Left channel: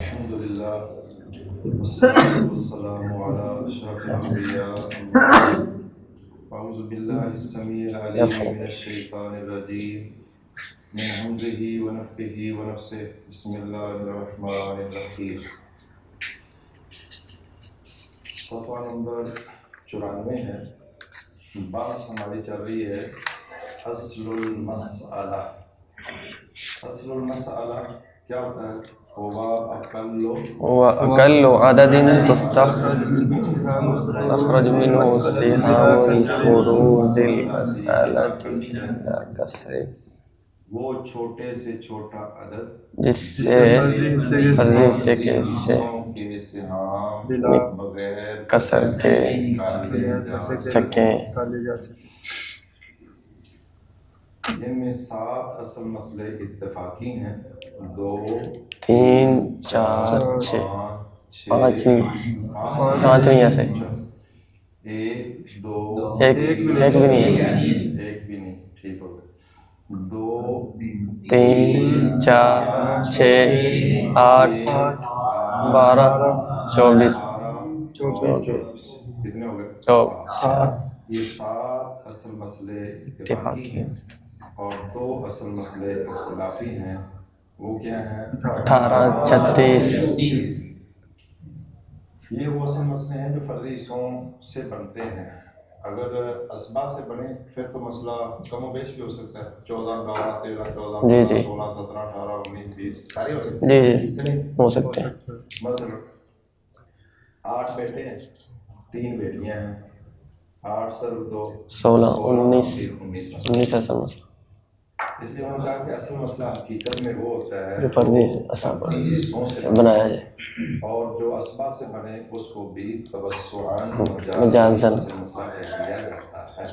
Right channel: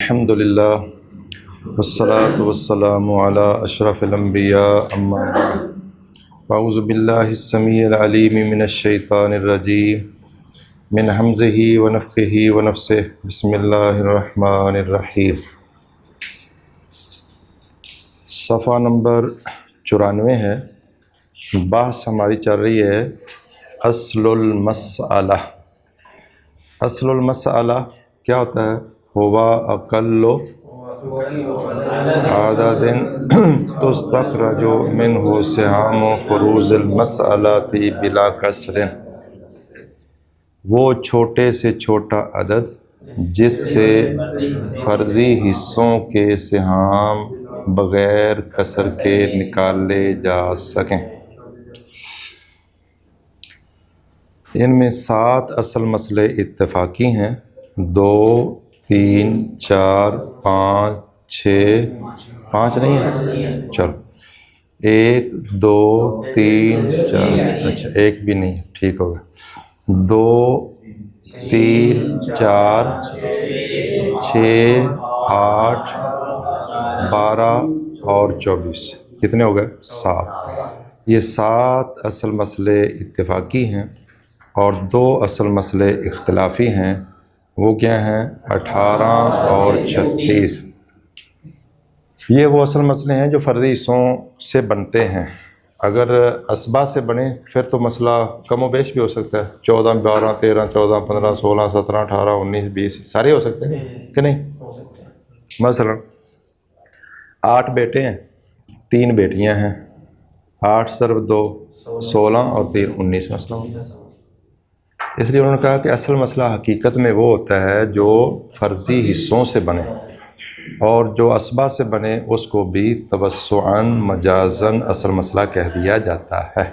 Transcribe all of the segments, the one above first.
الحمدللہ والصلاة والسلام علی اشرف الانبیاء اما بعد اعوذ باللہ السمیع العلیم من الشیطان الرجیم من حمزہ ونفخہ ونفثہ بسم اللہ الرحمن الرحیم۔ صفحہ نمبر 94 ہے۔ بحث ہماری چل رہی ہے اصل المسئلہ۔ اصل المسئلہ کیا ہوتا ہے؟ ہوا اقل عدد تستخرج منہ سہام فروض المسئلۃ بلا کسر، وہ چھوٹے سے چھوٹا عدد جس سے فرضی حصوں کے سہام بغیر کسر کے نکالے جا سکیں۔ ان میں 7 اصل مسئلے اتفاقی ہیں، 2 3 4 5 6 5 نہیں ہے، چلو 1 2 3 اچھا ایک بھی نہیں، ٹھیک ہوگا، 2 3 4 6 8 12 اور 24 کتنے ہو گئے؟ 7۔ یہ 7 اصل مسئلے اتفاقی ہیں اور 2 اصل مسئلے اختلافی ہیں۔ وہ کیا ہیں؟ 18 اور 36۔ یہ وہ اصل مسئلے ہیں جو فرضی حصوں سے بنتے ہیں۔ اگر اسبا سے بنے پھر تو مسئلہ کم و بیش بھی ہو سکتا ہے، 14 12 13 14 15 16 17 18 19 20 سارے ہو سکتے ہیں کہ نہیں؟ ہو سکتے ہیں۔ مثلا 8 بیٹے ہیں، 3 بیٹیاں ہیں، 8 ضرب 2 16 اور 3 19 مثلا۔ اس لیے انہوں نے کہا کہ اصل مسئلہ حقیقت میں وہ ہوتا ہے جو فرضی حصوں سے بنے، اور جو اسبا سے بنے اس کو بھی توسعاً مجازاً اصل مسئلہ کہہ دیا جاتا ہے۔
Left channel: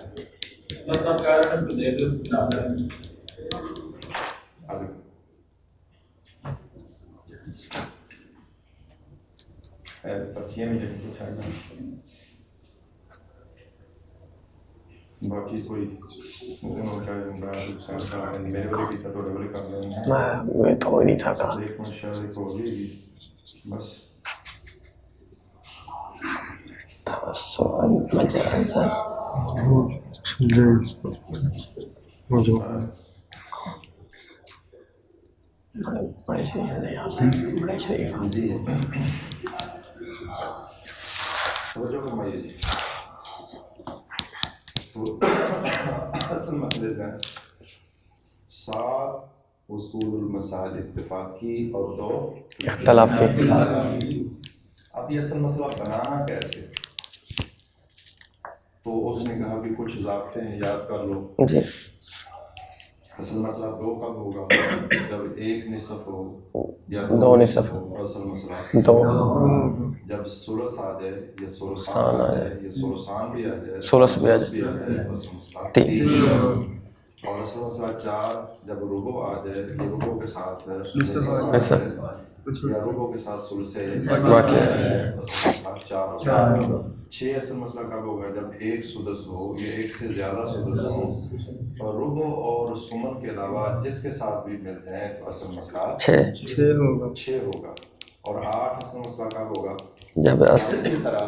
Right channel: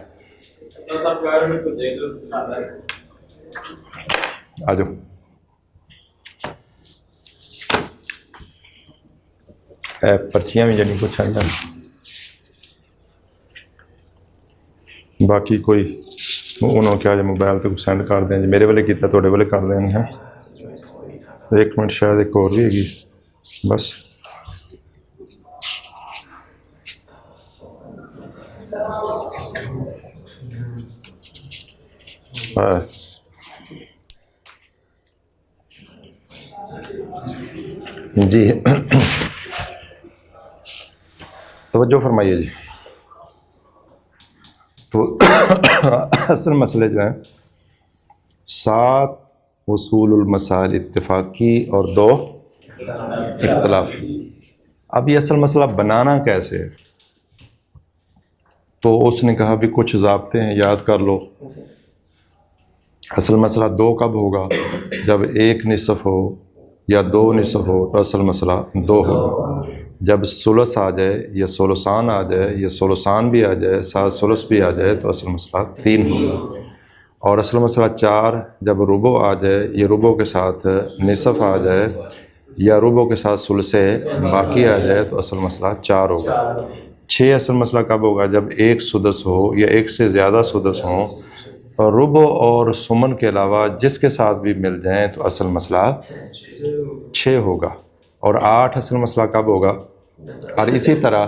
آجو پرچیاں بھی جنہیں کچھ آئیں، باقی کوئی انہوں کیا موبائل پہ کچھ سینڈ کر دیں جی، میرے والے کیتا توڑے والے کر دیں ہیں۔ ایک منٹ شاید ایک اور بھی ہے گی بس۔ جی توجہ فرمائیے جی، تو اصل مسئلے جو ہیں 7 اصول المسائل اتفاقی اور 2 اختلافی۔ اب یہ اصل مسئلہ بنانا کیسے ہے؟ تو اس نے کہا بھی کچھ ضابطے ہیں، یاد کر لو۔ اصل مسئلہ 2 کب ہوگا؟ جب 1 نصف ہو یا 2 نصف ہو تو اصل مسئلہ 2 ہو۔ جب ثلث آ جائے یا ثلثان آ جائے یا ثلثان بھی آ جائے، ثلث بھی آ جائے تو اصل مسئلہ 3 ہو۔ اور اصل مسئلہ 4 جب ربع آ جائے یا ربع کے ساتھ نصف آ جائے یا ربع کے ساتھ ثلث باقی آ جائے تو اصل مسئلہ 4 ہوگا۔ 6 اصل مسئلہ کب ہوگا؟ جب 1 سدس ہو یا 1 سے زیادہ سدس ہوں، اور ربع اور ثمن کے علاوہ جس کے ساتھ بھی مل جائیں تو اصل مسئلہ 6 ہوگا۔ اور 8 اصل مسئلہ کب ہوگا؟ اور اسی طرح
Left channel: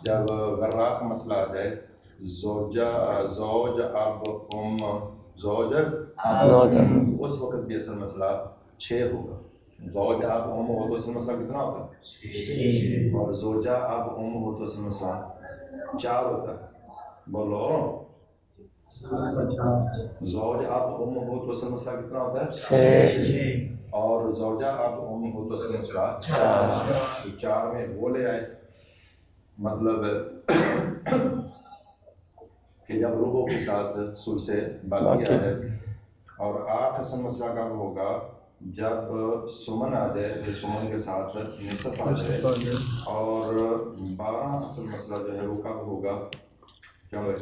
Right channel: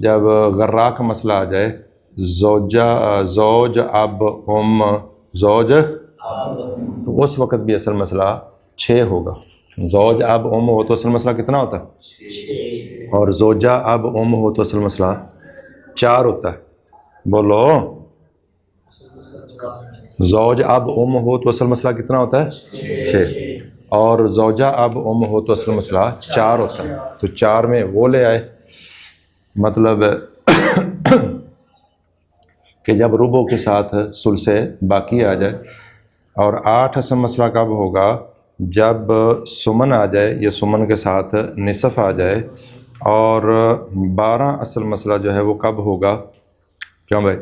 جب غرا کا مسئلہ آ جائے، زوج اب زوج، اس وقت بھی اصل مسئلہ 6 ہوگا۔ زوج اب ہو تو اصل مسئلہ کتنا ہوتا ہے؟ اور زوجہ اب ہو تو اصل مسئلہ 4 ہوتا ہے۔ بولو، زوج اب ہو تو اصل مسئلہ کتنا ہوتا ہے؟ 6۔ اور زوجہ اب ہو تو اصل مسئلہ 4 ہوتا ہے۔ تو 4 میں وہ لے آئے، مطلب کہ جب ربع کے ساتھ ثلث باقی آ جائے۔ اور 8 اصل مسئلہ کب ہوگا؟ جب ثمن آ جائے یا ثمن کے ساتھ نصف آ جائے۔ اور 12 اصل مسئلہ جو ہے وہ کب ہوگا؟ کیوں بھائی؟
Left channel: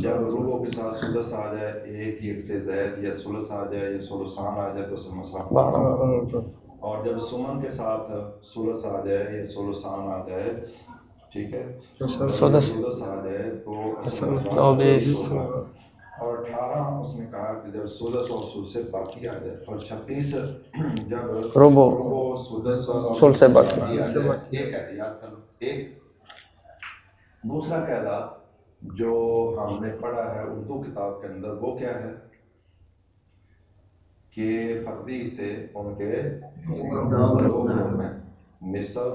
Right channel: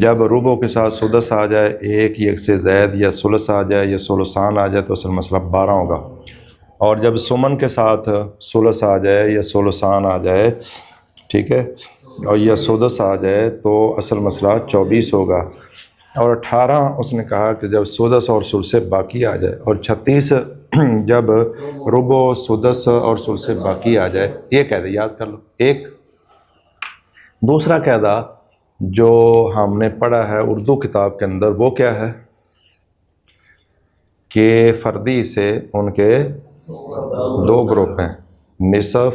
جب ربع کے ساتھ سدس آ جائے، 1 سے زائد یا ثلث آ جائے یا ثلثان آ جائے تو اصل مسئلہ 12 ہوگا۔ اور جب ثمن کے ساتھ ثلث آ جائے یا ثلثان آ جائے، ٹھیک ہے، اور یا سدس آ جائے تو اصل مسئلہ 24 ہوگا۔ اور 18 اس نے کہا کہ جب سدس اور ثلث باقی آ جائے، اور 36 جب ربو ربو سدس اور سدس سدس باقی آ جائے، یہ قاعدہ یاد کر لو. ایک دوسرا قاعدہ جو ہم نے پڑھا ہے اردو کتاب کے اندر، وہ کیا ہے کہ فردی سے ان کے دو گروپ ہیں، نصف،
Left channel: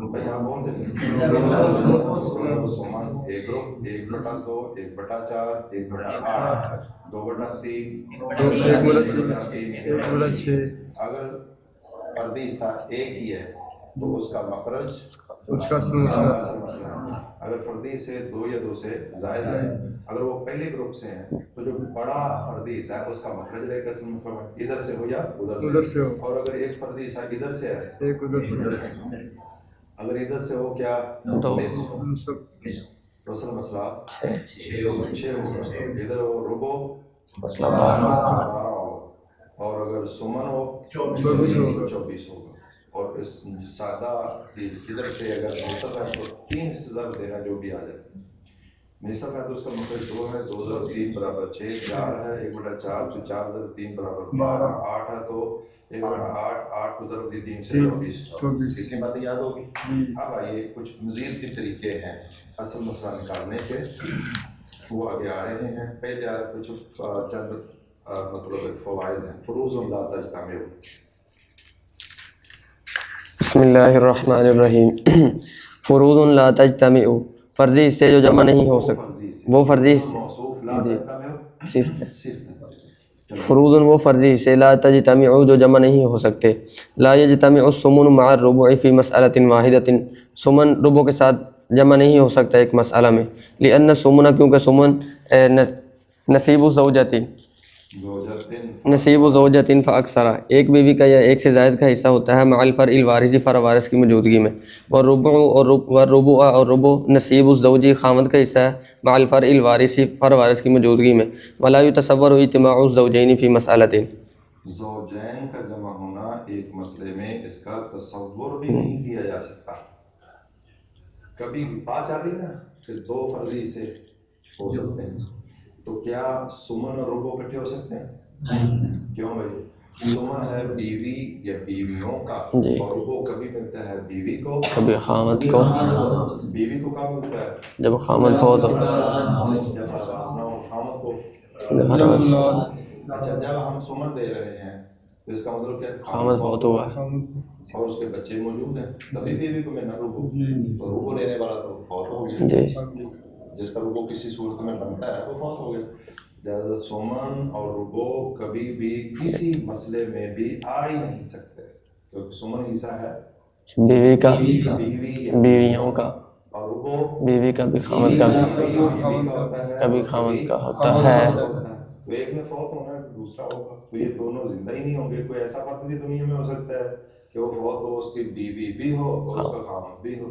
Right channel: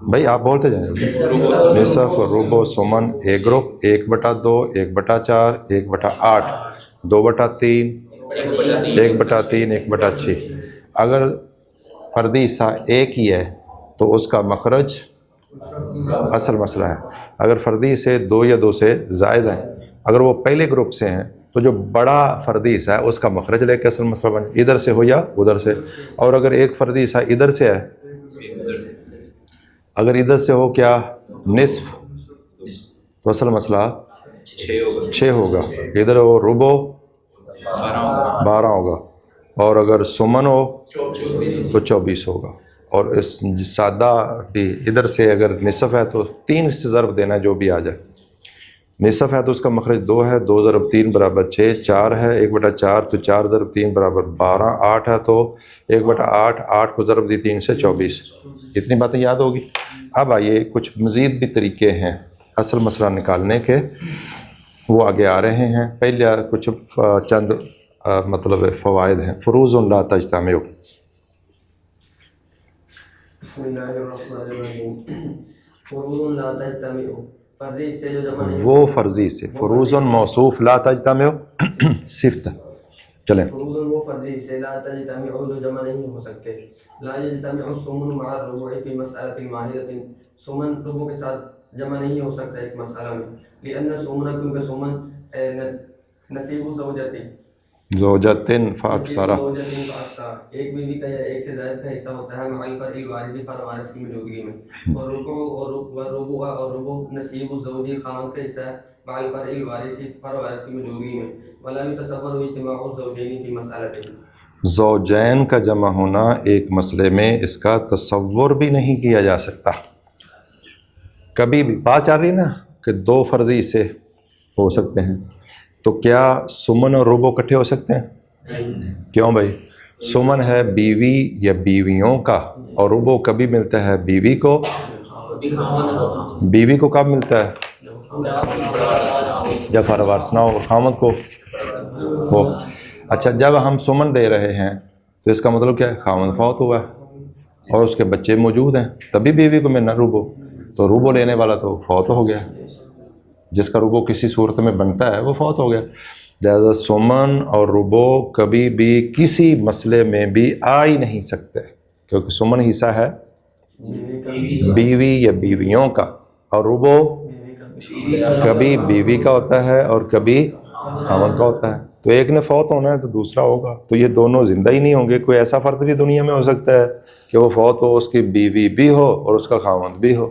بھائی آپ بولتے جائیں، نصف، ربع، سمن ایک گروپ، 1/2، 1/4، 1/8، 2/3، 1/3، 1/6. اگر فردی حصہ ایک ہی ہے تو اس کا مخرج اصل مسئلہ ہے. اگر فردی سے 2 یا 2 سے زائد ہیں، اگر وہ پہلے گروپ سے ہیں تو جو بڑا فردی حصہ ہے اس کا مخرج لے کے اصل مسئلہ بنے، ادھر سے ہو یا ادھر سے. اور اگر ایک فردی حصہ ادھر سے ہے، اگر ادھر سے ہو کیا نصف، تو اصل مسئلہ 6 ہوگا. ادھر ہو ربع 12 ہوگا، اور اگر سمن ہو تو 24 ہوگا. اور اس سادہ ادھر سے اگر نصف ہے تو 3 سے ضرب دینا ہے جو بھی آ جائے. نصف ہے تو اس کا مخرج 2 ہے، 2 ضرب 3 برابر 6، 4 ہے 1/4 تو 4 ضرب 3 برابر 12، 8 ہے تو 1/8، 8 کو ضرب دی 3 سے 24. اتنی باتیں یاد ہوگی. اب آئیے کچھ مزید بھی طریقے ہیں اصل مسئلہ نکالنے کے، وہ آگے آ رہے ہیں. پہلے کچھ چند مطلب فوائد ہیں. فروض لا تجتمع. بسم اللہ الرحمن الرحیم. فروض لا تجتمع، فرضی حصے جو جمع نہیں ہو وہ سکتے. فرضی سے، وہ فرضی فروض موصوف لا تجتمع صفت. چلیں فروض وہ فرضی حصے لا تجتمع جو جمع نہیں ہو سکتے. لا یجتمع السمن مع الربع فی مسئلۃ واحدۃ، سمن ربع کے ساتھ جمع نہیں ہو سکتا ایک مسئلہ میں. لأن السمن، کیونکہ سمن نصیب الزوجۃ، زوجتن نصیب زوجۃ فاکثر، ایک بیوی کا یا ایک سے زائد کا حصہ ہوتا ہے، مع الفرع الوارث، فرع وارث کی موجودگی میں. والربع اور ربع نصیب الزوج، خامد کا حصہ ہے، مع الفرع الوارث، فرع وارث کی موجودگی میں. ولا يتصور اجتماع الزوجین فی مسئلۃ، زوجین کا جمع ہونا ایک مسئلے میں اس کا تصور بھی نہیں کیا جا سکتا. کبھی بھی بات چل رہی نا کہ 2 فرضی سے ہو سکتے ہیں، تو کیا سمن اور ربع اکٹھے ہو سکتے ہیں؟ کیوں بھائی؟ سمن ہے بیوی یا بیویوں کا، اور ربع کبھی ملتا ہے بیوی کو، کبھی خامد کو. بیوی کو کب ملتا ہے؟ جب خامد فوت ہو، جب فرع وارث نہ ہو. خامد کو ہو. اچھا، جب ہم سمن دے رہے ہیں تو اس کا مطلب کیا ہے؟ خامد فوت ہوا ہے اور اس کے بچے موجود ہیں، تبھی بیوی کو ملنا ربع. تو ربع لینے والا تو فوت ہو گیا، جی جس کا ربع کسی صورت میں بنتا ہے وہ فوت ہو گیا. لہذا سمن اور ربع کبھی بھی کسی مسئلے میں بھی آ ہی نہیں سکتے، کیونکہ سمن حصہ ہے بیوی کا، بیوی یا بیویوں کا، اور ربع بیوی کا بھی خامد کا بھی، کبھی بیوی کا ہوتا ہے اور کبھی کا ہوتا خامد کا ہوتا ہے. تو ایک نے فوت ہونا ہے تو دوسرا ہوگا، تو یہ دونوں زندہ ہی نہیں ہوں گے. کوئی ایسا فرد بھی دنیا میں ہو سکتا ہے کہ وہ فوت ہو، اس کی بیوی بھی ہو اور اس کا خامد بھی ہو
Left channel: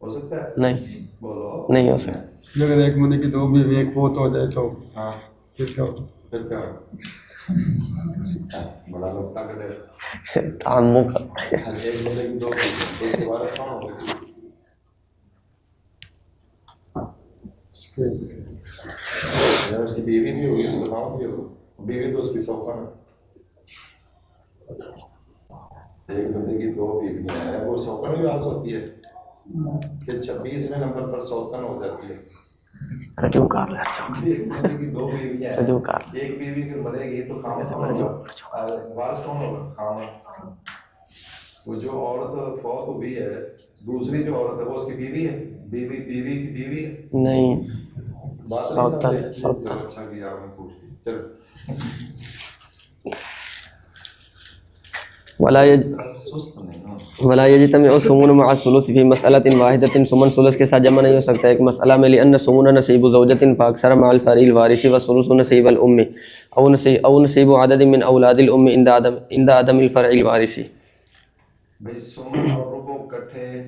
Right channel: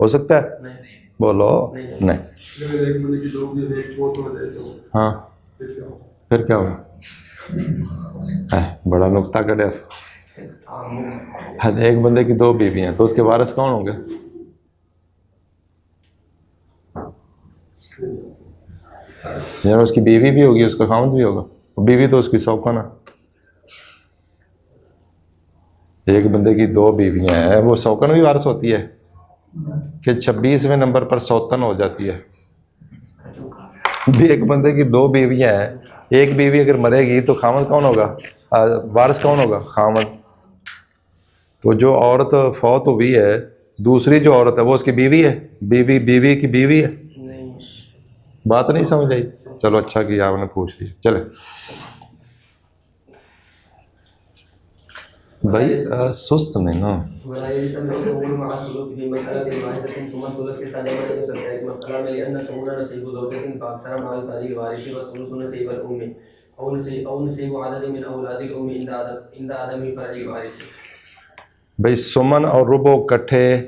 سکتا ہے؟ نہیں، بولو نہیں ہو سکتا. نہیں. اگر ایک بندے کی 2 بیوی ایک فوت ہو جائے تو ہاں پھر کیا ہوگا؟ بڑا نقطہ کٹے. تعمق. ایک بندے کی 2 بیوی ہیں تو اس کے وارث کون ہوں گے؟ اس کی بیوی بھی ہوگی، اس کا خامد بھی ہوگا. بیوی تو اس کی سوکن ہے. ایک بندے کی 2 بیویاں ہیں، وہ سوکن بھی وارث ہوتی ہے کہ 26ویں نمبر پر سوتن ہو جاتی ہے. رجوع کر لے. بھی ایک بندے کی 2 بیویاں ہیں، ایک بیوی اگر مرے گی تو خامد کون ہوگا؟ وارث کون ہوگا؟ خامد. تو جو عورت فوت ہوئی ہے، دوسری جو عورت ہے وہ اس کی بیوی ہے، بیوی کی بیوی ہے. نہیں، بات نہیں سمجھ آئی؟ چلو اچھا کیا آپ نے پوچھ لی. چلے سست نہیں نا. ولا یجتمع السمن مع الثلث فی مسئلۃ واحدۃ، سمن ثلث کے ساتھ جمع نہیں ہو سکتا ایک مسئلہ میں. لأن السمن نصیب زوجۃ فاکثر مع الفرع الوارث، والثلث نصیب الام او نصیب عدد من اولاد الام عند عدم الفرع الوارث. بھائی سمن اور ربع کٹھے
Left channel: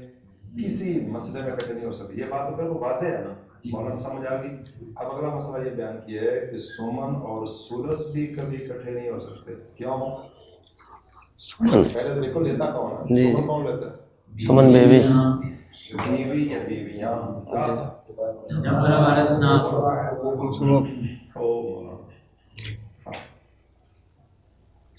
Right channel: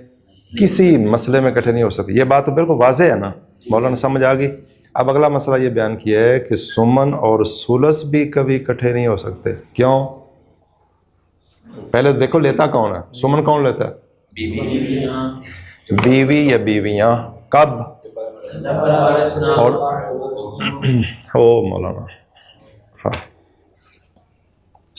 کسی مسئلے میں کٹھے نہیں ہو سکتے. یہ بات تو بالکل واضح ہے نا، مولانا سمجھ آ گئی. اب اگلا مسئلہ یہ بیان کیا ہے کہ سمن اور ثلث بھی کبھی کٹھے نہیں ہو سکتے. کیوں؟ پہلے دیکھو لیتا کون ہے؟ سمن کون لیتا ہے؟ سمن بیوی، بیوی یا بیویاں. کب؟ اور مولانا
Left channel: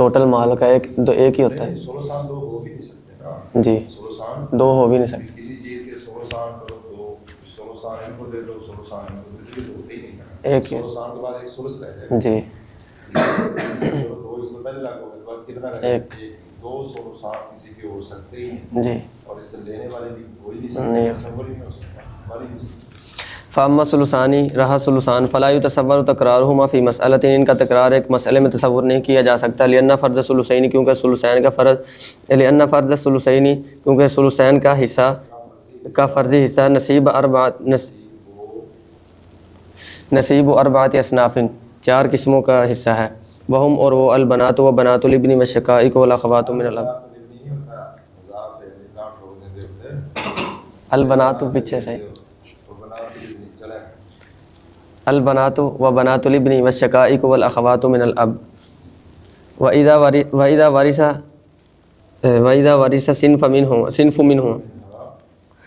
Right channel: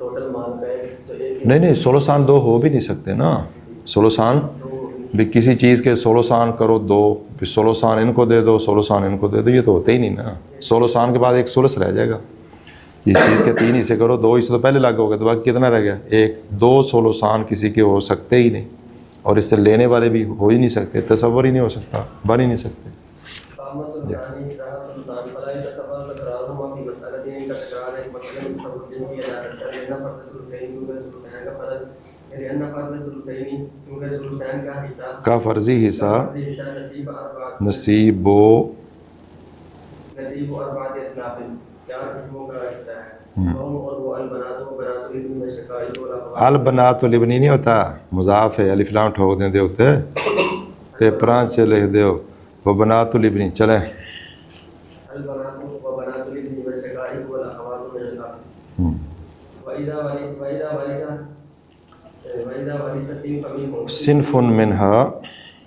ٹوٹل مال کا ایک ہی ہوتا نہیں 16 سان 2 ہو بھی نہیں سکتے نا. ہے جی. 16 سان 2 ہو بھی نہیں سکتے. بھی کسی چیز کے 16 سان کرو 2، پھر 16 سان ان کو دے دو، 16 سان ان کو دے دو، یہ تو ہوتے ہی نہیں نا. 16 سان کے بعد ایک ثلث رہ جائے گا. جی اس چیز کے 3 حصے کرو، 2 حصے تو پہلے لاگو گے، تو باقی کتنا رہ گیا؟ 1. 2 16 سان کسی کے ہو سکتے ہی نہیں، جی. اور اس سے لینے والے بھی ہو ہی نہیں سکتے، تصور ہی نہیں ہو سکتا، بن ہی نہیں سکتے. فاما ثلثانی رہا ثلثان فلا یتصور تکرارہما فی مسئلۃ، ان کا تکرار ایک مسئلے میں تصور نہیں کیا جا سکتا. لأن فرض ثلثین، کیونکہ ثلثین کا فرض، لأن فرض ثلثین، کیونکہ ثلثین کا حصہ، کا فرضی حصہ نصیب اربعۃ اصناف، 4 قسموں کا حصہ ہے. وہم، اور وہ البنات و بنات الابن والشقائق والاخوات. البنات والابن نہیں ہوتا، مضاف ہے، الف لام ٹھوک دیں دے ہوتے البنات چلے دیو وہ بنات الابن. چلیں البنات و بنات الابن والشقائق والاخوات من الاب. وَإِذَا وَرِثَ صِنْفٌ منها،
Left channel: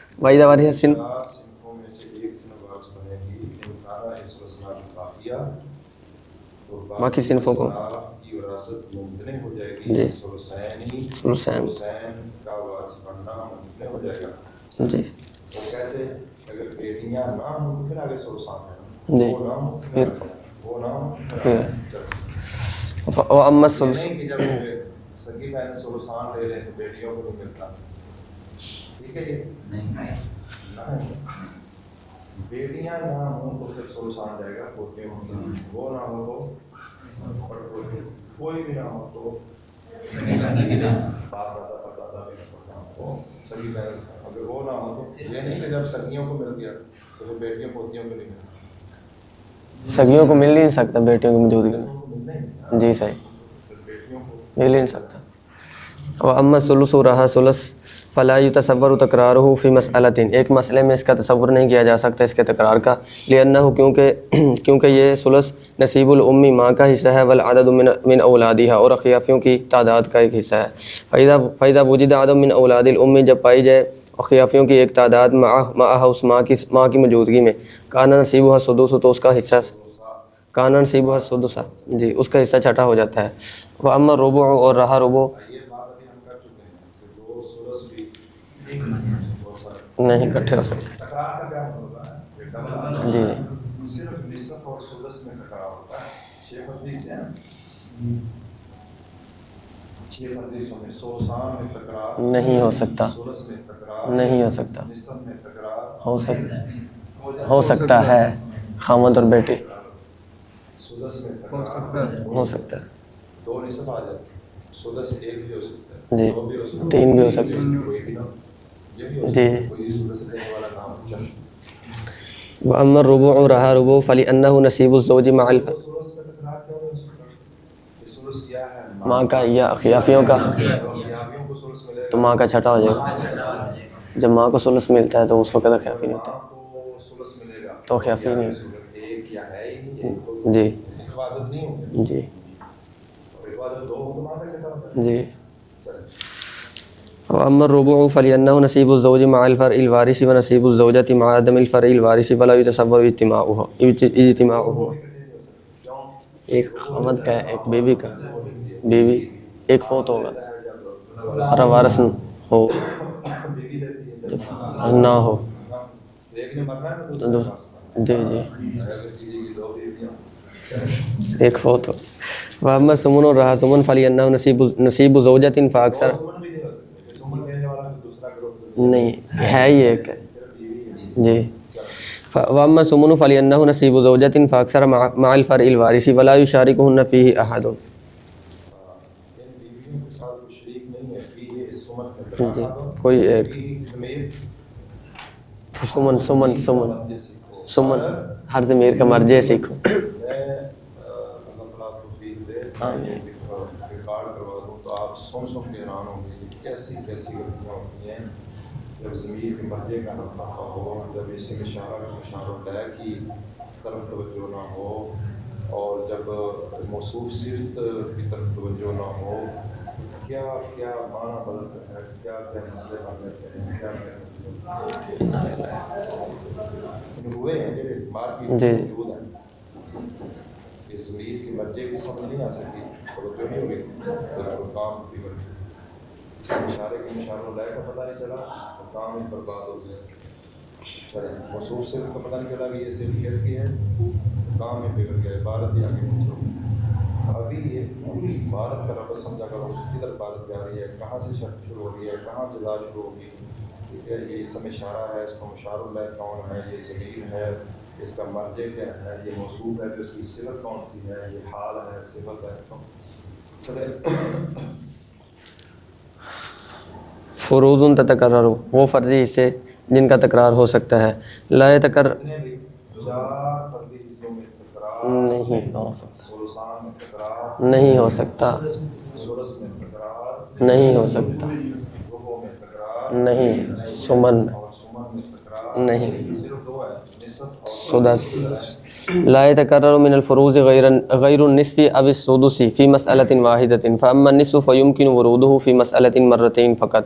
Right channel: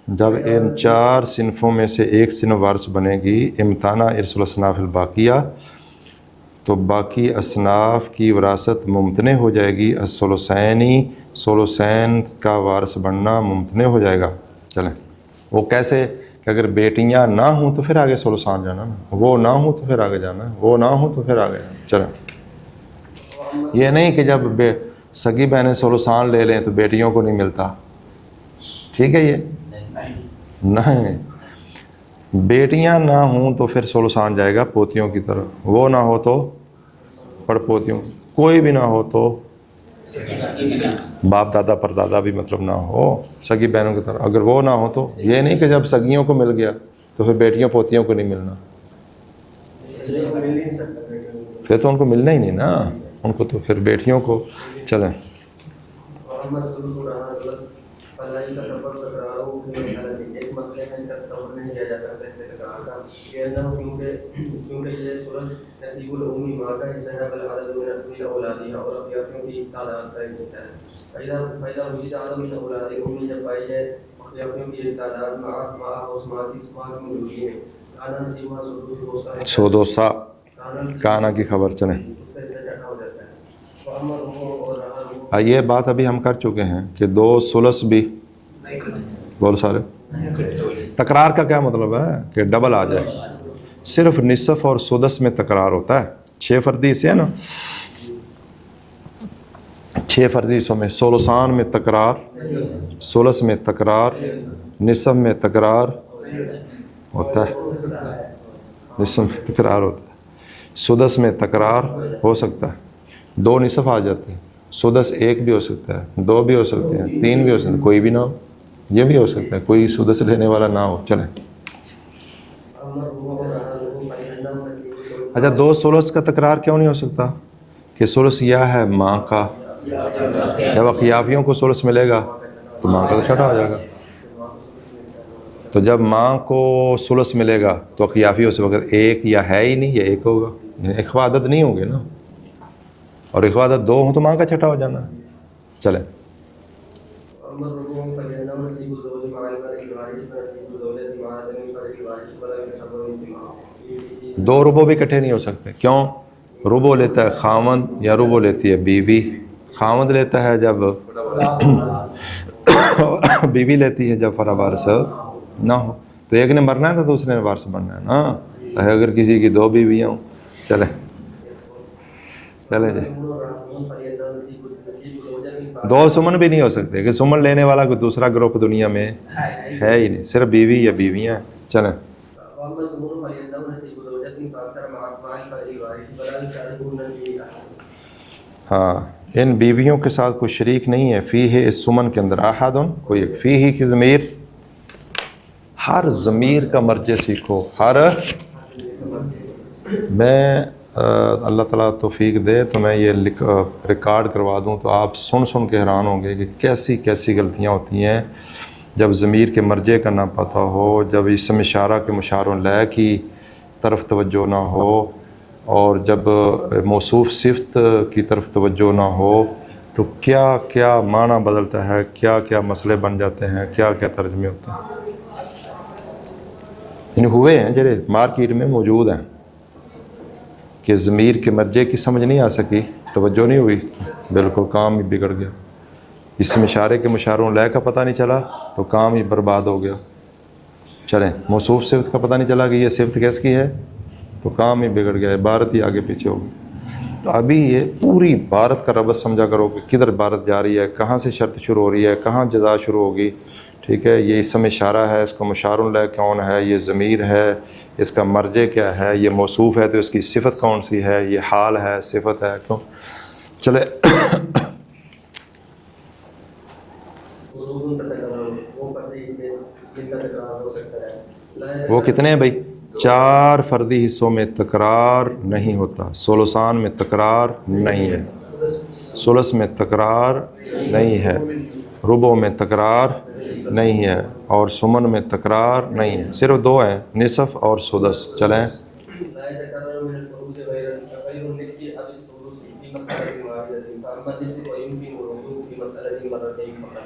جب ان 4 صنفوں میں سے ایک صنف وارث بنے گی، امتنع ارث الاصناف الباقیہ، تو باقی اصناف کی وراثت ممتنع ہو جائے گی. ثلثین کا وارث بننا ممتنع ہو جائے گا. چلیں وہ کیسے؟ کہ اگر بیٹیاں نہ ہوں تو پھر آگے ثلثان جانا نا، وہ نہ ہوں تو پھر آگے جانا، وہ نہ ہوں تو پھر آگے. چلیں یہ نہیں کہ جب سگی بہنیں ثلثان لے لیں تو بیٹیوں کو نہیں ملتا، ٹھیک ہے؟ یہ نہیں، بیٹیاں نہ ہوں تو پھر ثلثان جائے گا پوتیوں کی طرف، وہ نہ ہو تو پڑ پوتیوں، کوئی بھی نہ ہو تو باپ دادا پر دادا بھی مطلب نہ ہو، سگی بہنوں کی طرف. اگر وہ نہ ہو تو یہ نہیں کہ جب سگیوں کو مل گیا تو پھر بیٹیوں پوتیوں کو نہیں ملنا. سگیوں کو مل نہیں سکتا بیٹیوں کی موجودگی، یہ تو ان کو ملنا ہی نہیں نا. جی صحیح، ان کو تو پھر بیٹیوں کو. چلیں وَأَمَّا الثُّلُثُ رہا ثلث فلا يتصور تکرارہ فی مسئلۃ، ایک مسئلے میں اس کا تصور نہیں کیا جا سکتا اس کے تکرار کا. لأنہ، کیونکہ یہ ثلث نصیب الام، ماں کا حصہ ہے، والعدد من اولادها، اور اخیافیوں کی تعداد کا ایک حصہ ہے. فَإِذَا وُجِدَ عدد من اولاد الام، جب پائی جائے اخیافیوں کی ایک تعداد معها اس ماں کی موجودگی میں، کان نصیبها السدس، تو اس کا حصہ سدوسا، کان نصیبها کی خبر چلیں. جی اس کا حصہ چھٹا ہو جاتا ہے. وَأَمَّا الرُّبُعُ، اور رہا ربع. یہ بات ابھی ہم کر چکے ہیں کہ 2 ثلث بھی بول سارے نہیں اکٹھے ہو سکتے. تکرار کا کیا مطلب ہے؟ کہ ڈبل آ جائے. جی صرف نصف اور سدس میں تکرار ہوتا ہے. 6 فردی حصے ہیں نا، 6 فردی حصوں میں ثلثان میں تکرار نہیں ہو سکتا، ثلث میں تکرار نہیں ہو سکتا، نصف میں تکرار ہو سکتا ہوتا ہے، ہو سکتا ہے، خامد اور بیٹی. تکرار ہوتا ہے. سدس میں تکرار ہو سکتا ہے، 2 نصف آ جاتے ہیں. سدس 1 بھی ہو سکتا ہے، 2 بھی ہو سکتا ہے، 3 بھی ہو سکتا ہے، کوئی بھی نہ ہو. یہ بھی ہو سکتا ہے کوئی سدس لینے والا نہ ہو. چلیں وَأَمَّا الرُّبُعُ، رہا ربع، فَلِأَنَّهُ نَصِيبُ الزَّوْجِ مع 2 ثلث کا تکرار کیوں نہیں ہو سکتا؟ کہ ثلث یہ ہے ماں کا، یا اخیافیوں کا. جب اخیافیوں کو ثلث ملے گا ماں کا چھٹا ہو جائے ماں کا چھٹا ہو جائے گا. جب ماں کو ثلث ملتا ہے تو اس وقت تو جب ماں کو ثلث ملے گا تو اخیافی اس وقت 1 یا ہے ہی نہیں، یہ 1 ہوگا. جی اخوہ عدد نہیں ہوں گے نا، جی اور اخوہ عدد 2 ہوں تو ماں کا چھٹا ہو جانا. جی. چلیں وَأَمَّا الرُّبُعُ فَلِأَنَّهُ نَصِيبُ الزَّوْجِ مع الْفَرْعِ الْوَارِثِ وَنَصِيبُ الزَّوْجَةِ مع عدم الْفَرْعِ الْوَارِثِ فَلَا يُتَصَوَّرُ اجتماعُهُ. 2 ربع بھی اکٹھے نہیں ہو سکتے. کیوں؟ ربع لیتا ہے خامند یا ربع لیتی ہے بیوی. خامند لیتا ہے جب وارث ہو، بیوی لیتی ہے جب فرع وارث نہ ہو. تو ایک نے مرنا ہے تو دوسرے نے وارث بننا ہے. ہاں اگر کسی کی 2 بیویاں ہوں. چلیں ایک فوت ہو. وَأَمَّا الثُّمُنُ، رہا ثمن، فَلِأَنَّهُ نَصِيبُ زَوْجَةٍ 2 فَأَكْثَرَ. سمن بھی نہیں ہو سکتے کہ سمن لینے والا کوئی دوسرا گروپ دنیا میں ہے ہی نہیں، صرف بیوی یا بیویاں. چلیں وَأَمَّا الثُّمُنُ فَلِأَنَّهُ نَصِيبُ زَوْجَةٍ فَأَكْثَرَ مع الْفَرْعِ الْوَارِثِ وَلَا يُشَارِكُهُنَّ فِيهِ أَحَدٌ. ہاں ان بیویوں کے ساتھ کوئی شریک نہیں ہے فیہ اس سمن کے اندر. احد کوئی، فیہ کی ضمیر، ہر ضمیر کا مرجع سیکھو، ہر ضمیر کا مرجع سیکھو. میں اللہ تعالیٰ توفیق دے تو میں یہ ریکارڈ کروا دوں تو آپ سن کے حیران ہوں گے کہ کیسی کیسی غلطیاں ہوتی ہیں جب ضمیر کے مرجع کا نہ پتہ ہو، جب اسم اشارہ کے مشار لہ کی طرف توجہ نہ ہو، اور جب موصوف صفت کی طرف توجہ نہ ہو تو کیا کیا معنی بدلتا ہے، کیا کیا مسئلے بن جاتے ہیں، کیا کیا ترجمے ہوتے ہیں. ہوئے ہیں جڑے مارکیٹ میں موجود ہیں. کہ ضمیر کے مرجے کی سمجھ نہیں آ سکی, توجہ نہیں ہوئی, بالکل کام ہی بگڑ گیا. اس مشارے کے مشاروں لے کا پتہ نہیں چلا تو کام ہی برباد ہو گیا. چلیں, موصوف صفت کا پتہ نہیں چلا کہ یہ صفت کس کی ہے تو کام ہی بگڑ گیا, عبارت ہی آگے پیچھے ہو گئی. تو ابھی یہ پوری عبارت کا ربط سمجھا کرو کہ کدھر عبارت جا رہی ہے, کہاں سے شرط شروع ہو رہی ہے, کہاں جزا شروع ہوگی. ٹھیک ہے, یہ اسم اشارہ ہے, اس کو مشار لہ کون ہے, یہ ضمیر ہے, اس کا مرجع کیا ہے, یہ موصوف ہے تو اس کی صفت کون سی ہے, یہ حال ہے, صفت ہے, کیوں. چلے فروض تتکرر, وہ فرضی حصے جن کا تکرار ہو سکتا ہے. لا وہ یتکرر, کتنے ہیں بھائی؟ 4 فردی حصوں میں تکرار نہیں ہوتا. ثلثان میں تکرار نہیں ہو سکتا, ثلث میں تکرار نہیں ہے, ربع میں تکرار نہیں ہے, اور سمن میں تکرار نہیں ہے. صرف 2 ہیں, نصف اور سدس. چلیں, لا يتكرر من الفروض غير النصف أو السدس في مسألة واحدة, فأما النصف فيمكن وروده في مسألة مرتين فقط.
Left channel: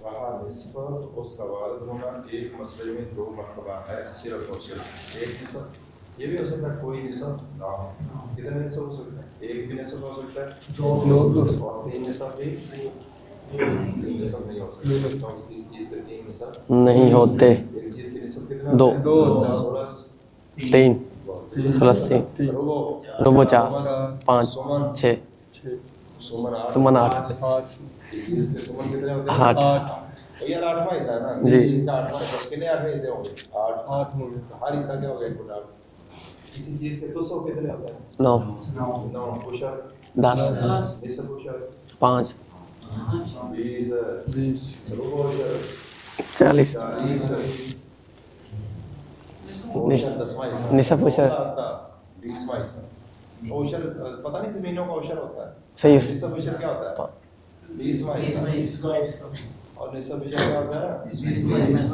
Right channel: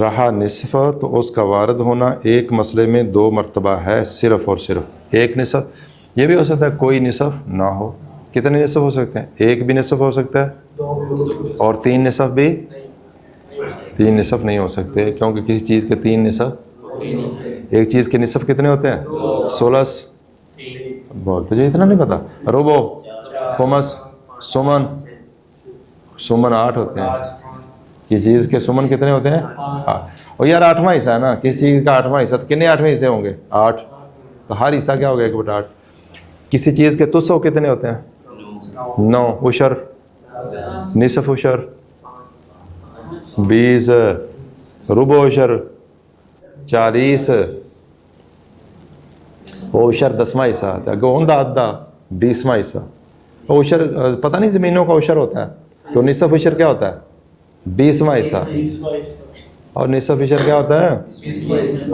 رہا نصف تو اس کا وارد ہونا ایک مسئلے میں 2 مرتبہ ہے, صرف اور صرف ایک نصف. یہ بھی ہو سکتا ہے کوئی نصف نہ ہو. کتنے نصف ہو سکتے ہیں؟ ایک بھی نصف ہو سکتا ہے, اور 3 نصف بھی 3 نصف نہیں ہو سکتے, کیونکہ کسی چیز کے 3 نصف نہیں ہوتے. ایک چیز کے نصف کتنے ہوتے ہیں؟ ثلث 3, بولتے جی, اتنا نہیں پتا. ربع, خمس, 5, سمن, 6, سمن 8 ہوتے ہیں. یہ چیز کے سمن کتنے ہوتے ہیں؟ 8. اور یار 8واں حصہ ہے نا, کسی چیز کا 8واں حصہ, کتنے 8ویں حصے ہوں گے؟ 8. تو ہر حصہ کیا ہو گیا؟ 1/8. کسی چیز کے تسو کتنے ہوتے ہیں؟ 9. عشر 10, نصف عشر 5, 20, ربع عشر 40, عشر 10واں حصہ, گوندا ادا 20واں حصہ. عشر پتہ نہیں زمینوں کا عشر ہوتا ہے, تو نصف عشر کیا ہوتا ہے؟ 20واں حصہ. اور نصف عشر کیا ہوتا ہے؟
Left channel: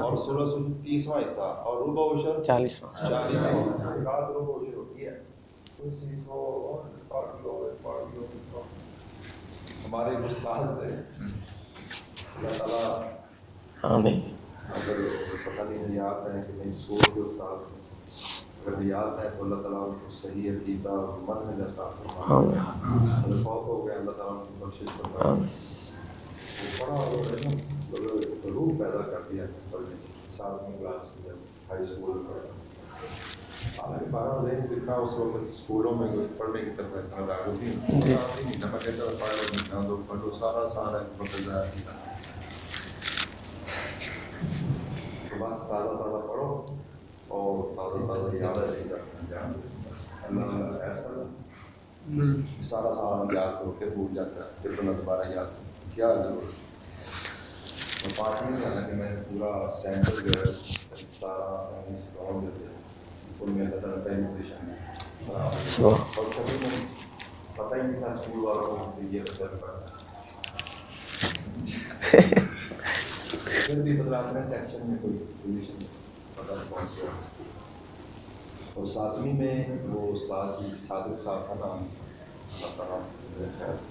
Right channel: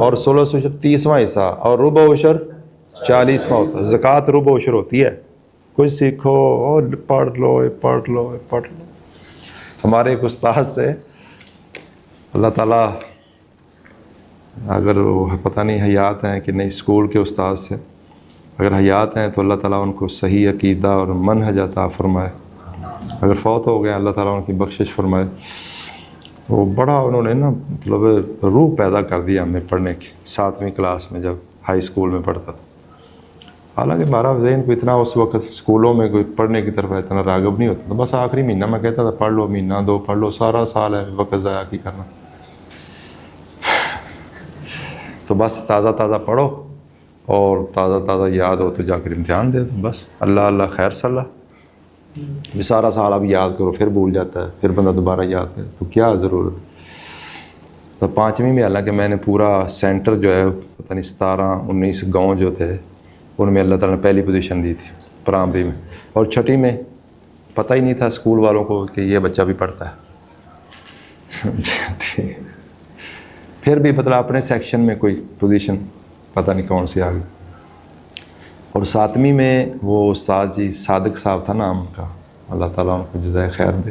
اور ثلث عشر 30واں حصہ, اور ربع عشر 40واں ہوتا ہے. زکوٰۃ ربع عشر ہوتی ہے. کچھ سیکھو اور پڑھ لو. ہمارے ایک استاد سے, اللہ تعالیٰ اگر وہ پتہ نہیں حیات ہیں کہ نہیں, اسکول کے استاد سے اگر حیات ہیں تو اللہ تعالیٰ ان کو صحیح عقیدہ اور منہج عطا فرمائے. اگر فوت ہو گئے اللہ تعالیٰ ان کی بخشش فرمائے. وہ بڑا انہوں نے نا مطلب روح پیدا کر دیا ہمیں پڑھنے کی 7ویں کلاس میں, جب ہائی اسکول میں پڑھتا. حالانکہ ہمارا ذہن کو اتنا اس وقت اسکولوں میں کوئی پڑھنے کی طرف اتنا راغب نہیں ہوتا. بس آخری مہینہ میں کہتا تھا پڑھ لو, مہینہ 2 پڑھ لو, سارا سال ہے وقت ضائع کی کرنا. تو بس تازہ پڑھو اور تازہ یاد ہو تو جا کر امتحان دے دو. بس اللہ خیر صلاح. سارا سال اب یاد کرو پھر بھول جاتا ہے, پھر بندہ دوبارہ یاد کرے تو کیا ضرورت. تو 5ویں میں حالانکہ میں نے پورا سینٹر جو ہے پتہ نہیں 17-19 گاؤں جو تھے ان میں اللہ تعالیٰ نے پہلی پوزیشن دی تھی پرائمری میں. اور 6ٹھی میں پتہ ہی نہیں تھا اسکول والوں کو کہ یہ بچہ بھی پڑھتا ہے. پھر بھی مطلب اپنے سیکشن میں کوئی پوزیشن پتہ نہیں کون سی آ گئی. اور 7ویں میں وہ استاد جی صادق صاحب تھا نام کا, اللہ تعالیٰ ان کو جزائے خیر دے,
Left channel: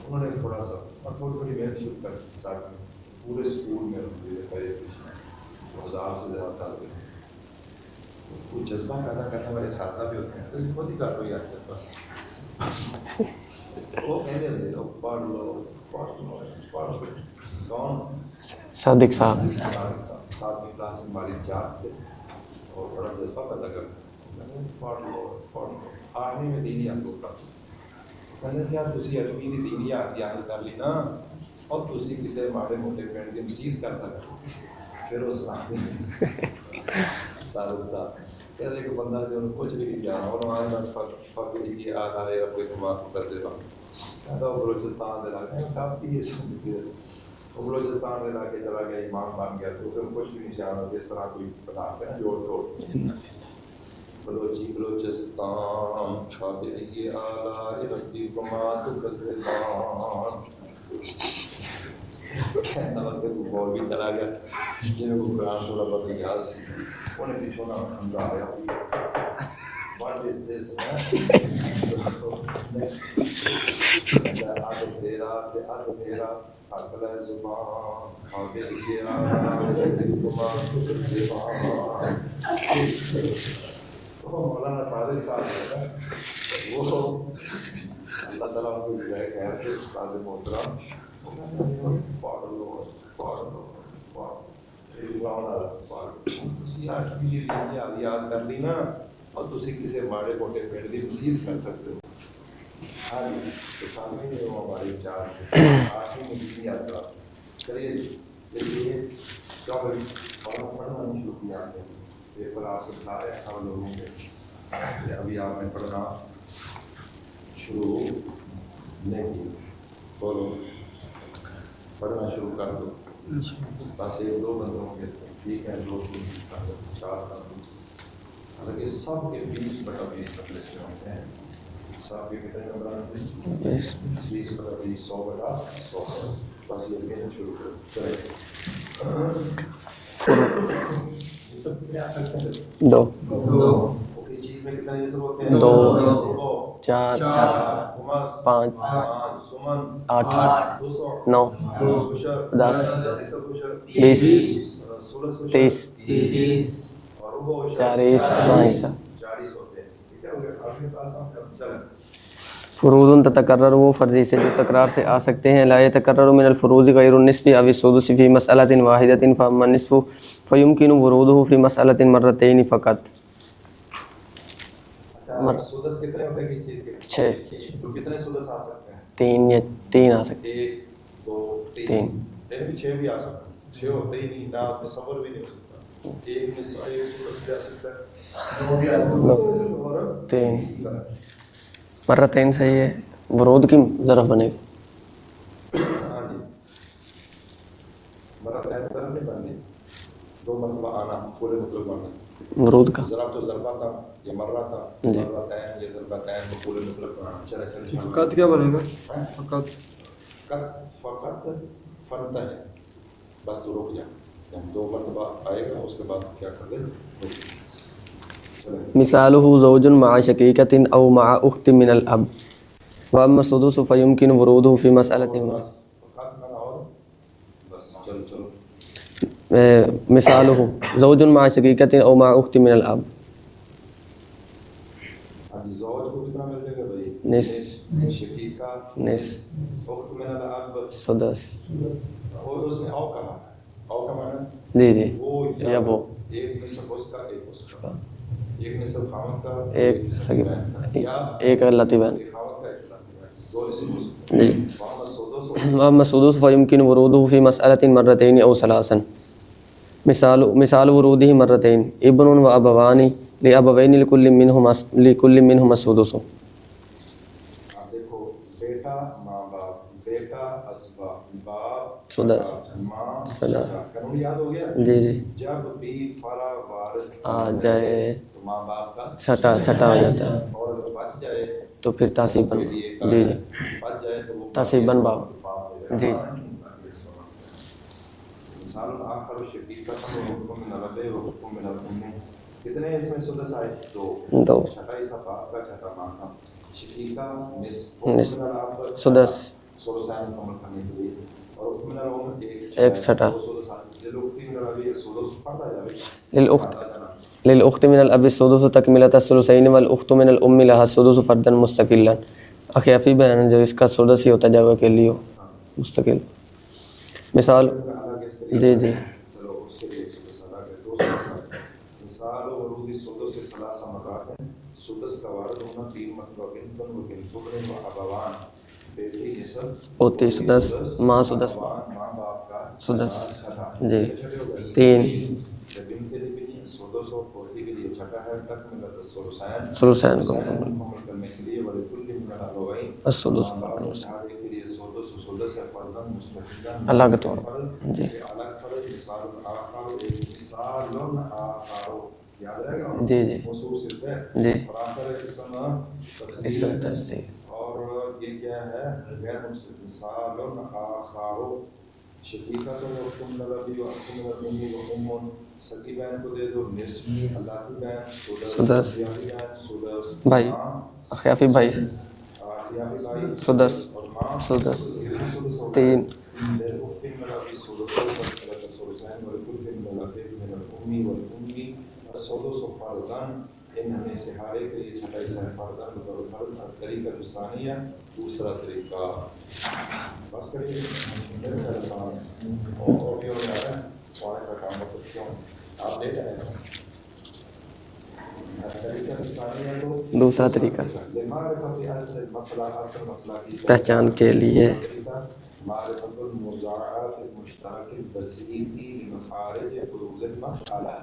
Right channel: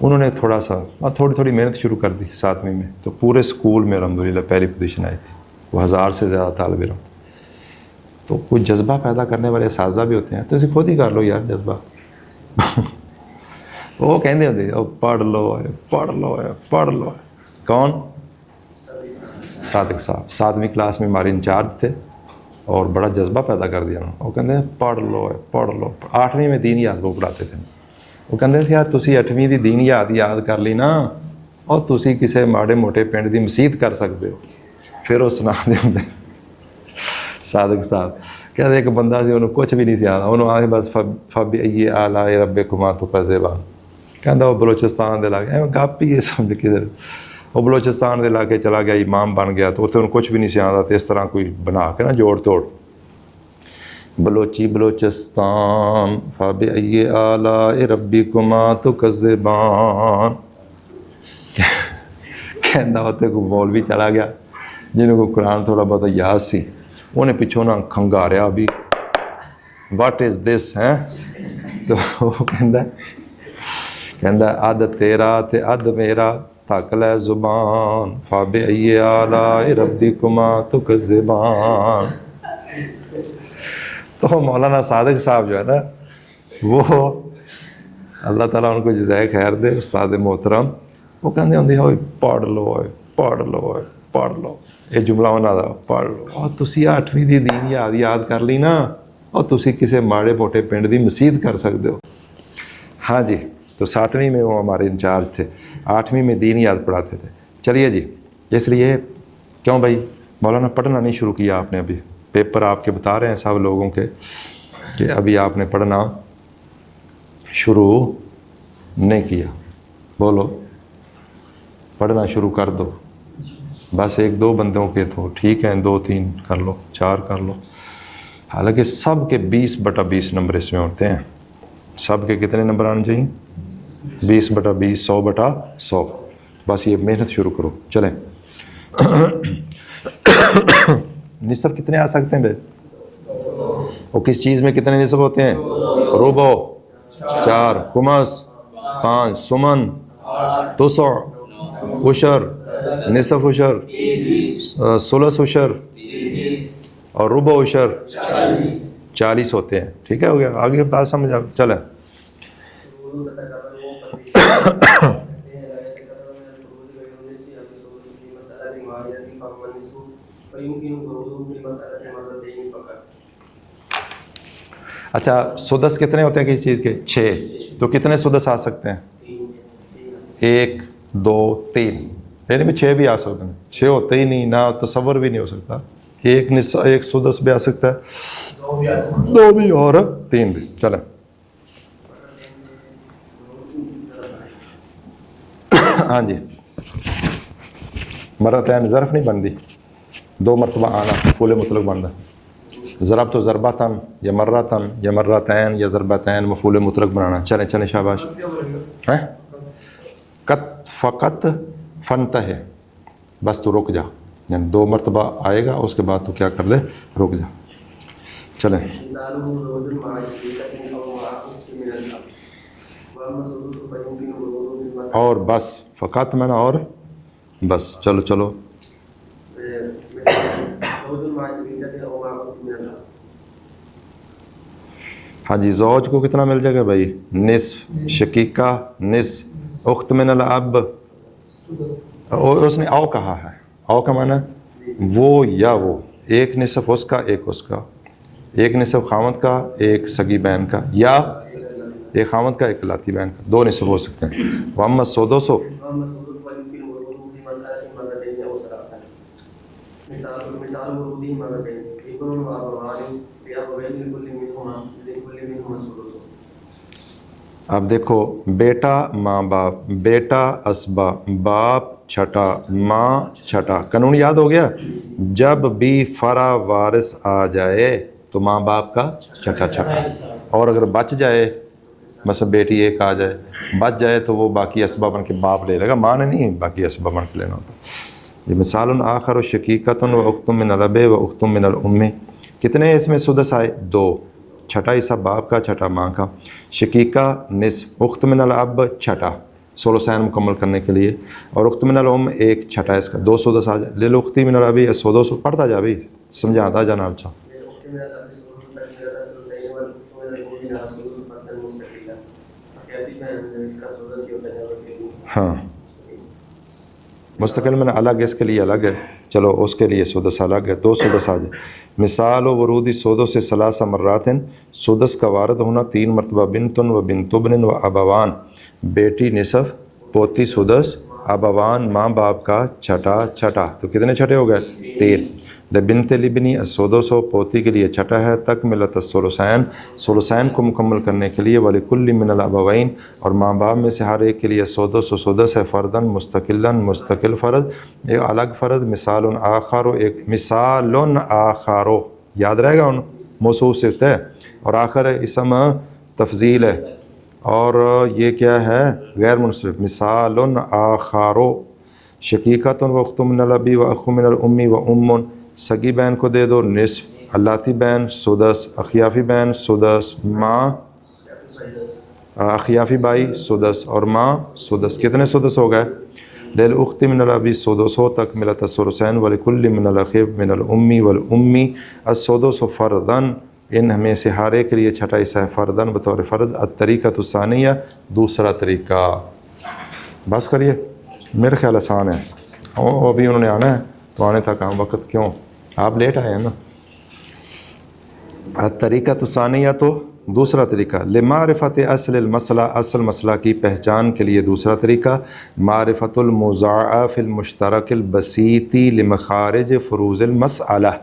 انہوں نے تھوڑی محنت شروع کر دی 7ویں میں. تو پورے اسکول میں الحمدللہ پہلی پوزیشن آئی تھی. وہ 1000 سے زیادہ طالب علم. تو کوئی جذبہ پیدا کرنے والے اساتذہ بھی ہوتے ہیں, تو اسے خود ہی کر لو یار جذبہ. وہ کہتے ہوتے پڑھ لو. کون؟ صادق صاحب 7ویں کلاس میں ہمارے انچارج تھے اور بڑا جذبہ پیدا کر دیا انہوں نے. وہ کہتے ہیں پڑھ لو. 8ویں میں دین یاد وہ پڑھاتے تھے. وہ کہتے تھے یار تسی 8ویں دی دین یاد کر لی نا, اور تسی کسی ماڑے موٹے پنڈ دی مسیت کر سکتے ہو. پھر وہ سنا دے ہوندے صادق صاحب کہتے ایک بندہ سی, انہوں کچھ بھی نہیں سی آتا. انہوں آئے بس فبئی آلاء ربکما تکذبان. کہتا وہ بلوچستان دے علاقے گپ ہی یہ سمجھ کدھر. وہ بلوچستان دے علاقے چلا گیا, امام بن گیا, تو اتنے کچھ بھی نہیں سی آتا. تو اس طرح کوئی بنا کے نا جوڑ توڑ بلوچستان فبئی آلاء ربکما تکذبان. کہتا اتنے کوئی مولوی چلا گیا جنہوں کو قرآن تھوڑا بہت یاد سی. انہیں پچھوں نہ کھنگاریا بھی واٹ از دس ہیں. تو وہ کہندا اد تیرا تے اد میرا تھک لے زبان فبئی آلاء ربکما تکذبان. تو مولانا صادق صاحب جو ہے نا وہ اللہ تعالیٰ ان کو جزائے خیر دے استاد محترم وہ کہتے ہوندے ہوئے پڑھ لو پڑھ لو یہ جملہ انہاں دا پڑھ لو اور تسی 8ویں دی دین یاد کر لی نا اور تسی کسی ماڑے موٹے پنڈ دی مسجد کر سکتے ہو. ہاں جی تو 7ویں میں وہ ہمارے انچارج تھے 8ویں میں دین یاد پڑھاتے تھے. چلیے جی اس لیے کیوں بھائی مولانا پڑھنا نہیں شروع کیا آپ نے ابھی پیپر آپ کے بتا رہے ہیں سب لوگوں کے کہ ابھی آپ نے پڑھنا شروع نہیں کیا. بولو پڑھنا شروع کر دو بس 1-2 بندوں کے تو ٹھیک ہیں 2-3 کر لو 4 کر لو. حالانکہ سب کے 20/20 نمبر اس میں ہوتے ہیں. سب کے کتنے نمبر آنے چاہیے 20/20 100/100. بس یہ محنت شروع کرو. چلیں نصف کتنے آ سکتے ہیں بھائی 2 اور کس چیز میں کتنے نصف ہوتے ہیں 2 ربع 4 خمس 5 سمن 8 تسع 9 عشر 10 نصف عشر 20 ثلث عشر اور ربع عشر 40 40 ہوتے ہیں. ٹھیک ہے ہو گیا آگے بات سمجھ آ. چلیں فروض تتکرر وہ فرضی سے تکرار سے آ سکتے ہیں. لا يتکرر من الفروض غیر النصف او السدس فی مسألة واحدة فاما النصف فيمكن وروده في مسألة مرتين فقط. اچھا سدس کتنے ہوتے ہیں کسی چیز کے 6 تو کتنے سدس آ سکتے ہیں 3 یا 3 آ سکتے 1 2 3 یعنی میں 6 بھی آ سکتے ہیں 6 ہوتے ہی نہیں نہ تصور بھی نہیں ہو سکتا. ایک سدس بھی آ سکتا ہے 2 بھی اور 3 بھی. چلیں مرتين صحیح ہے ورود کی ظرف بنے ہاں جی مرتين ظرف نہیں بنتی 2 مرتبہ آنا فعل مطلق بنتا ورود کا ضرب تو ضربتاً یا مرتاً یا مرتين یا ضربتين مفعول مطلق بنانا. چلیں شاباش. قد کیا بنے گا قط فقط فنتہ بس تو رک جا یعنی 2 مرتبہ آئے گا اس کے بعد تو کیا کر دے رک جا. چلیں مثاله زوج مع شقيقة او مع اخت من الاب واما السدس فيمكن وروده في مسألة اور بس فقط میں اور بس چلو مثاله زوج مع شقيقة او مع اخت من الاب. ہاں جی زوج کو کتنا مل جائے گا بھائی نصف شقیقہ نصف اخت من الاب سدس اور اس نے او کہا ہے او کا معنی جی وہ یا وہ ایک نصف اس کا ایک اس کا ایک نصف خامد کا ایک سگی بہن کا یا ایک لاتی بہن ایک خامد کا ایک لاتی بہن کا 2 نصف ہو سکتے ہیں. واما السدس واما السدس فيمكن وروده في مسألة مرتين او ثلاثا. مثال وروده مرتين ابن وابوان لابوين لكل منهما السدس. اب دیکھو بیٹا ماں باپ بیٹا اسبا باپ چھٹا ماں چھٹا قانون یاد ہو گیا. جی جب بھی فرع وارث آ جائے تو ماں باپ کا چھٹا اور اگر بچ جائے تو پھر مثلا بیٹی ایک آ جائے بچ جائے تو وہ باقی اسباب بن کے باپ لے لے گا ماں نے نہیں باقی اسباب بن کے لینا ہوتا. یہ مثال آخر شقیقۃ و اخت من الاب و اخت من الام. کتنے اس میں سدس آئے 2 چھٹا حصہ باپ کا چھٹا ماں کا. شقیقہ نصف اخت من الاب چھٹا ثلثین مکمل کرنے کے لیے اور اخت من الام ایک چھٹا اس کا 2 سدس آ جائے. للاخت من الاب السدس پڑھتا جا بھی سمجھاتا جانا. اچھا للاخت من الاب السدس تکملۃ الثلثین والاخت من الام لها السدس فردا مستقلا. اخیافی بہن جو اس کا سدس ہی ہوتا جائے کے لیے ہاں مستقل مستقل میں الگ اس کے لیے الگ ہے. چلو اس کے لیے سدس الگ ہے 2 سدس آ جائے. مثال و ورود السدس سے 3 مرات سدس کا وارد ہونا 3 مرتبہ بنت و بنت ابن و ابوان بیٹی نصف پوتی سدس ابوان ماں باپ کا چھٹا تو کتنے چھٹے ہو گئے 3. لبنت لبنی السدس پوتی کے لیے چھٹا ہے تکملۃ الثلثین کو مکمل کرنے کے لیے ولکل من الابوین اور ماں باپ میں سے ہر ایک کے لیے سدس ہے فردن مستقل فرض ایک الگ فرض. مثال آخر ایک مثال آخر یاد رہے گا موصوف صفت ہے اور آخر اسم تفضیل ہے اور یہ کیا ہے غیر منصرف. مثال آخر شقیقۃ و اخت من الاب و اخ من الام و ام. سگی بہن کو دے دو نصف اللاتی بہن سدس اخیافی بہن سدس ماں اخیافی بھائی سدس اور ماں سدس. کتنے سدس ہو گئے للاخت من الاب السدس تکملۃ الثلثین ولکل من الاخ من الام والام السدس فرضا ان ہمیں سے ہر ایک کے لیے چھٹا حصہ ہے فردن بطور فرض الطریقۃ الثانیہ دوسرا طریقہ. بس کریے میرے خیال آسان ہے. ابھی انہوں نے آنا ہے تو آنے تک ہم وقت کیوں آپ لیٹ آئے ہیں نا. الطریقۃ الثانیہ تو دوسرا طریقہ. لمعرفت اصل المسئلہ اصل مسئلہ کی پہچان کے لیے دوسرا طریقہ. معرفت المضاعف المشترک البسیط لمخارج فروض المسئلہ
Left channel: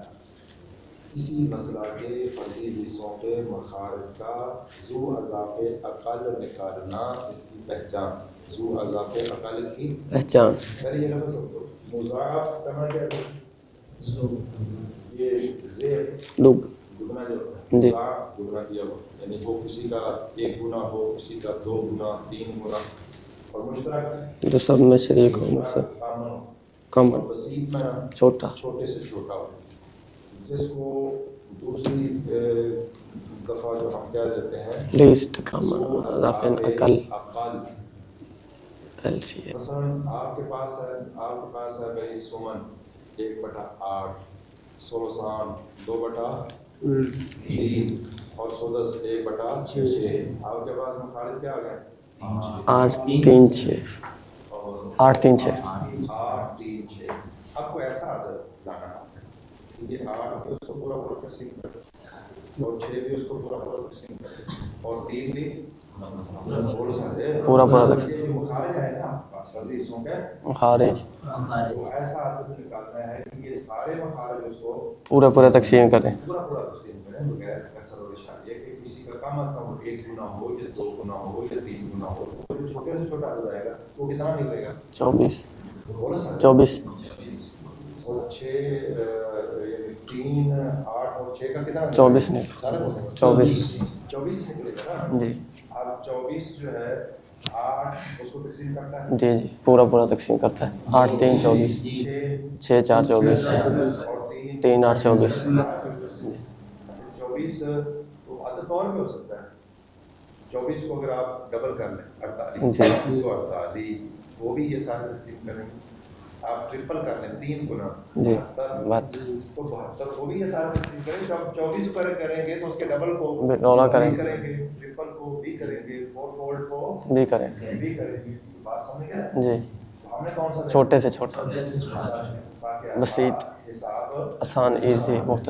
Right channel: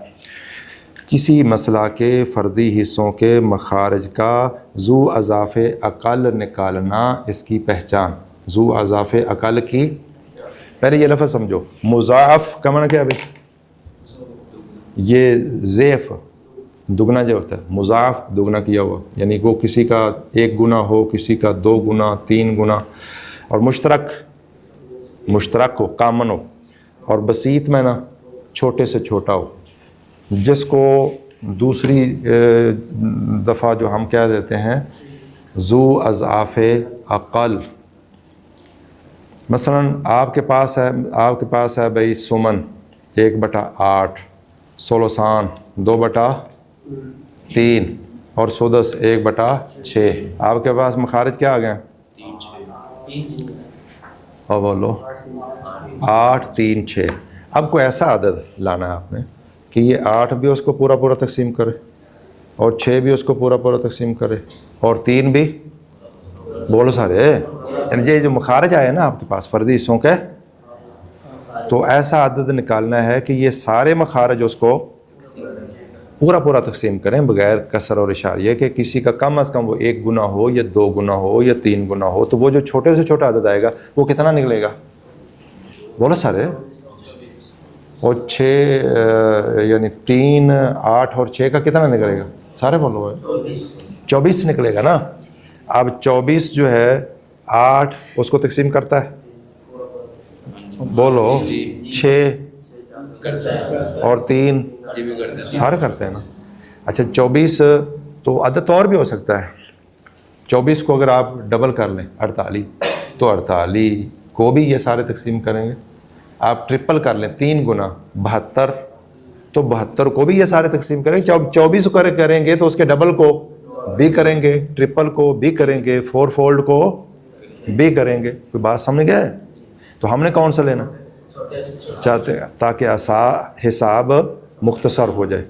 کسی مسئلہ کے فردی حصوں کے مخارج کا ذو اضاف اقل نکالنا اس کی پہچان. ذو اضاف اقل کی پہچان. پہلے یہ لفظ سمجھو. مضاعف کا معنی کیا ہے بھائی؟ یہ ضعف دگنا جو ہوتا ہے. مضاعف دگنا کیا ہوا یعنی وہ کسی کا 1 گنا ہو کسی کا 2 گنا 3 گنا. اور مشترک جو سب میں شریک مشترک ہو کامن ہو. اور بسیط میں نا چھوٹے سے چھوٹا ہو جس کو دوسری دفعہ جو ہم کیا دیتے ہیں ذو اضعاف اقل. مثلا آپ کے پاس ہے بھائی سمن 1/8 سولوسان 2/3 اور سدس 1/6. آپ کے پاس مخارج کیا آ گئے ہیں 8 3 6 اور بولو 8 3 6 8 3 6. اب کوئی ایسا عدد لانا ہے آپ نے کہ یہ 8 بھی اس کو پورا تقسیم کرے اور 6 بھی اس کو پورا تقسیم کرے اور 3 بھی بولو سارے یعنی یہ جو مخارج آئے نا آپ کے پاس فردی حصوں کے مخارج تو ایسا عدد نکالنا ہے کہ یہ سارے مخارج اس کو پورا تقسیم کریں پورا تقسیم کریں بغیر کسر اور اشاریہ کہ کسی کا کم از کم وہ 1 گنا ہو یا 2 گنا ہو یا 3 گنا ہو. تو وہ جو چھوٹے سے چھوٹا عدد آئے گا وہ کتنا نکلے گا 24 بولو سارے 24 اور 6 یعنی 3 8 اور 6 کا کتنا نکلے گا سارے بولو 24 نکلے گا نا. اب 24 جو ہے 8 اس کو تقسیم کرتا ہے جی پورا تقسیم کرتا ہے. بولو 6 4 24 اور 3 8 24 سارے کرتے ہیں نا. اچھا 24 تو عدد اور بھی ہو سکتا ہے. 24 کو اگر آپ ڈبل کر لیں 48 تو 48 کو بھی یہ سارے تقسیم کریں گے. آپ ٹرپل کر لیں 3 گنا 72 تو 72 کو بھی یہ سارے تقسیم کریں گے. 24 کو کریں گے تو اس کے ڈبل کو بھی کریں گے ٹرپل کو بھی کریں گے 4 فولڈ کو بھی کریں گے. کوئی بات سمجھ گئے؟ تو ہم نے کون سا لینا چھوٹے سے چھوٹا چاہتے ہیں تاکہ حساب مختصر ہو جائے.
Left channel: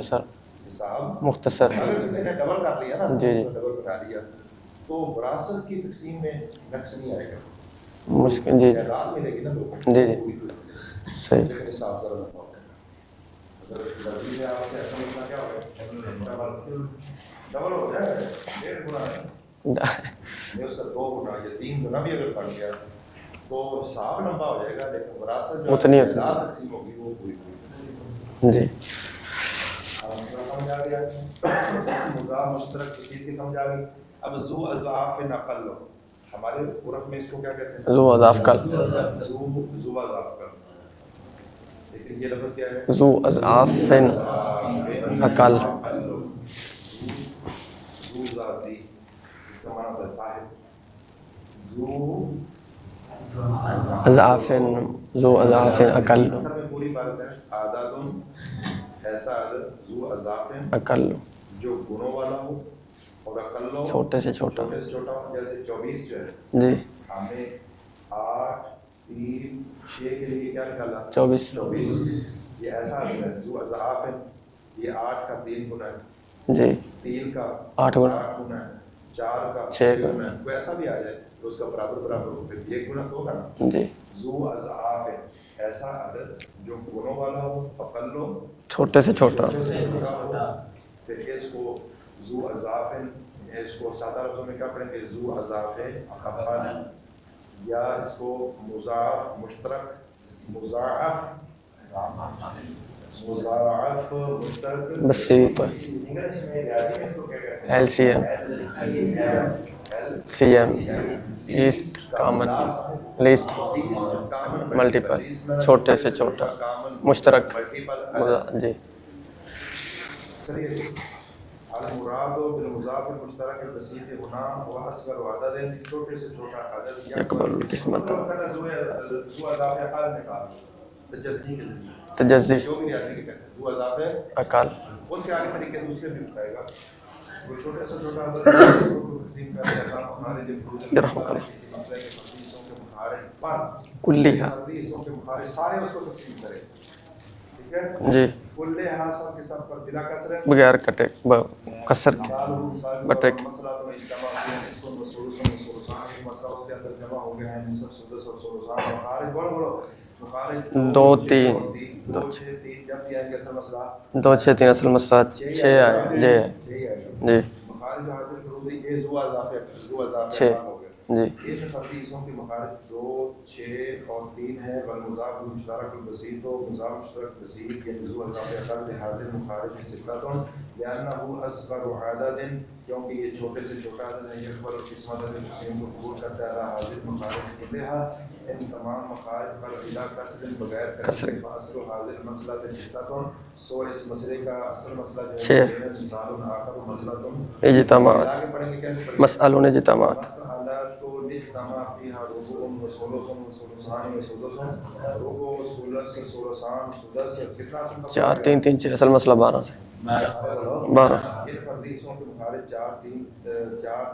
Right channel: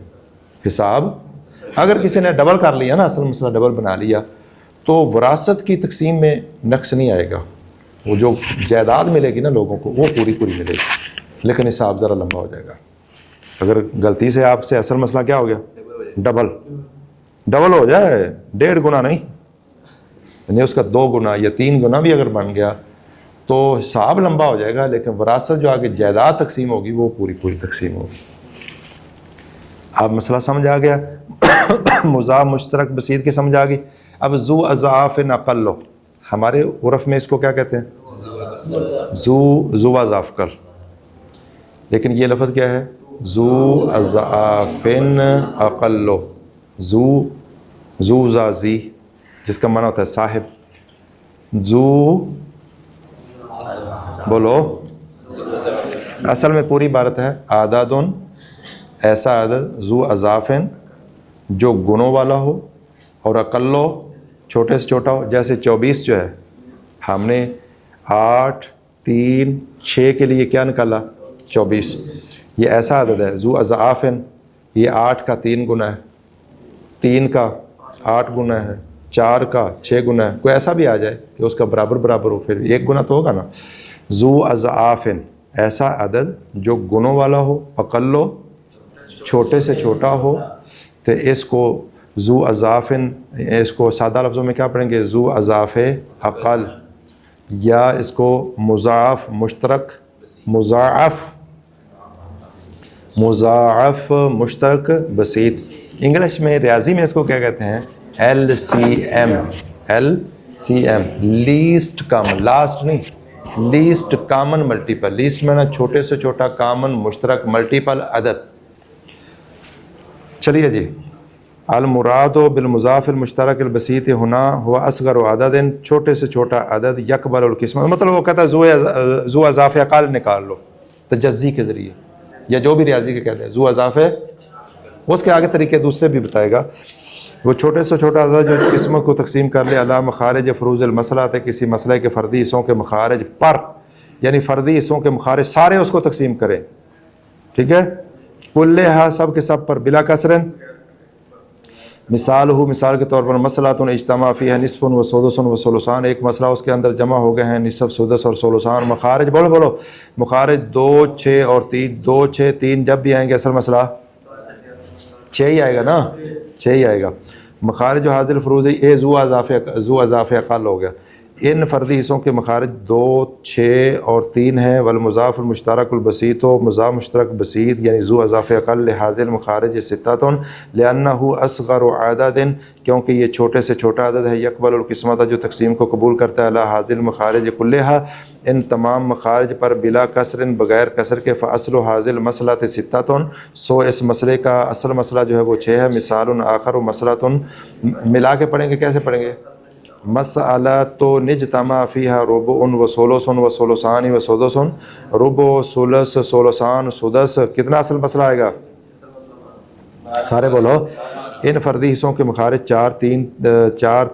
حساب مختصر. اگر کسی نے ڈبل کر لیا نا مثلا ڈبل بنا لیا تو وراثت کی تقسیم میں نقص نہیں آئے گا. وہ جو جائیداد ملے گی نا لوگوں کو وہ پوری ملے گی لیکن حساب ذرا لمبا ہو جائے گا. اگر غلطی سے آپ سے اصل مسئلہ کیا ہو گیا ڈبل ہو جائے 1.5 گنا نہیں یعنی اس کا 2 گنا یا 3 گنا بھی اگر بن گیا تو حساب لمبا ہو جائے گا لیکن وراثت جو آگے جائیداد تقسیم ہوگی وہ پوری تقسیم ہوگی. اب مسئلہ سمجھ آ گیا. مضاعف مشترک بسیط کی سمجھ آ گئی. اب ذو اضعاف اقل ہمارے عرف میں اس کو کیا کہتے ہیں ذو اضعاف کل. لیکن یہ لفظ کیا ہے ذو اضعاف اقل. ذو زازی جس کا معنی ہوتا ہے صاحب. ذو بولو اصل میں پوری عبارت ہے عدد ایسا عدد ذو اضعاف جو گنوں والا ہو اور اقلو چھوٹے سے چھوٹا ہو. جیسے 24 جو ہے ہم نے 8 3 6 کے لیے کیا نکالا 24. یہ ایسا عدد ہے ذو اضعاف یہ 8 کا 3 گنا ہے 3 کا 8 گنا ہے 4 کا 6 گنا ہے. کوئی ایسا بھی آ جائے کہ اس کا برابر ہو پھر 1 گنا تو ہوگا نا. ذو اضعاف ایسا عدد جو گنوں والا ہو اقلو چھوٹے سے چھوٹا ہو. تو اس کو ذو اضعاف اس کو سادہ لفظوں میں کیا پڑھیں گے ذو اضعاف اقل یا اس کو مضاعف مشترک مضاعف مشترک بسیط. انگلش میں ریاضی میں اس کو کیا کہتے ہیں LCM لیسٹ کامن لاسٹ نہیں لیسٹ کامن ملٹیپل. لیسٹ میں نا چھوٹے سے چھوٹا کامن مشترک ملٹیپل عدد. چلیے جی. المراد بالمضاف المشترک البسیط ہونا ہوا اصغر عدد چھوٹے سے چھوٹا عدد یقبل القسم. مطلب وہ کہتا ہے ذو اضعاف اقل نکال لو تجزی کے ذریعے یا جو بھی ریاضی کے کہتے ہیں ذو اضعاف اقل. اس کے آگے طریقے دوسرے بھی بتائے گا وہ چھوٹے سے چھوٹا عدد جو قسموں کو تقسیم کر لے علی مخارج فروض المسئلہ ہے، کسی مسئلے کے فردی حصوں کے مخارج پر، یعنی فردی حصوں کے مخارج سارے اس کو تقسیم کریں، ٹھیک ہے، جی، کلھا سب کے سب پر بلا کسرن، بغیر کٹے کسر، مثال ہو، مثال کے طور پر مسئلہ اجتماع فیہ نصف و سدس و ثلثان، ایک مسئلہ اس کے اندر جمع ہو گئے ہیں نصف، سدس اور ثلثان، مخارج بولو مخارج 2 6 اور 3، 2 6 3 جب بھی آئیں گے اصل مسئلہ 2 6 3 اصل مسئلہ 6 ہی آئے گا نا، جی 6 ہی آئے گا، جی مخارج و حاضر فروضی اے ذو اضافہ اقل ہو گیا، جی، ان فردی حصوں کے مخارج 2 6 اور 3 ہیں، والمضاف المشترک البسیط و مضاف مشترک بسیط یعنی ذو اضافہ اقل لحاظ المخارج ستۃ لانہ اصغر عدد، کیونکہ یہ چھوٹے سے چھوٹا عدد ہے، یقبل القسمت جو تقسیم کو قبول کرتا ہے، علی حاضر المخارج کلھا ان تمام مخارج پر بلا کسر بغیر کسر کے، فاصل حاضر مسئلہ ستۃ سو اس مسئلے کا اصل مسئلہ جو ہے وہ 6 ہے، مثال آخر و مسئلۃ ملا کے پڑھیں گے، کیسے پڑھیں گے؟ مسئلہ نجتمع، مسئلۃ نجتمع فیہا ربع و ثلث و ثلثان و سدس، ربع ثلث ثلثان سدس، کتنا اصل مسئلہ آئے گا؟ 3 3 6 اصل مسئلہ 12 سے سارے بولو 12، ان فردی حصوں کے مخارج 4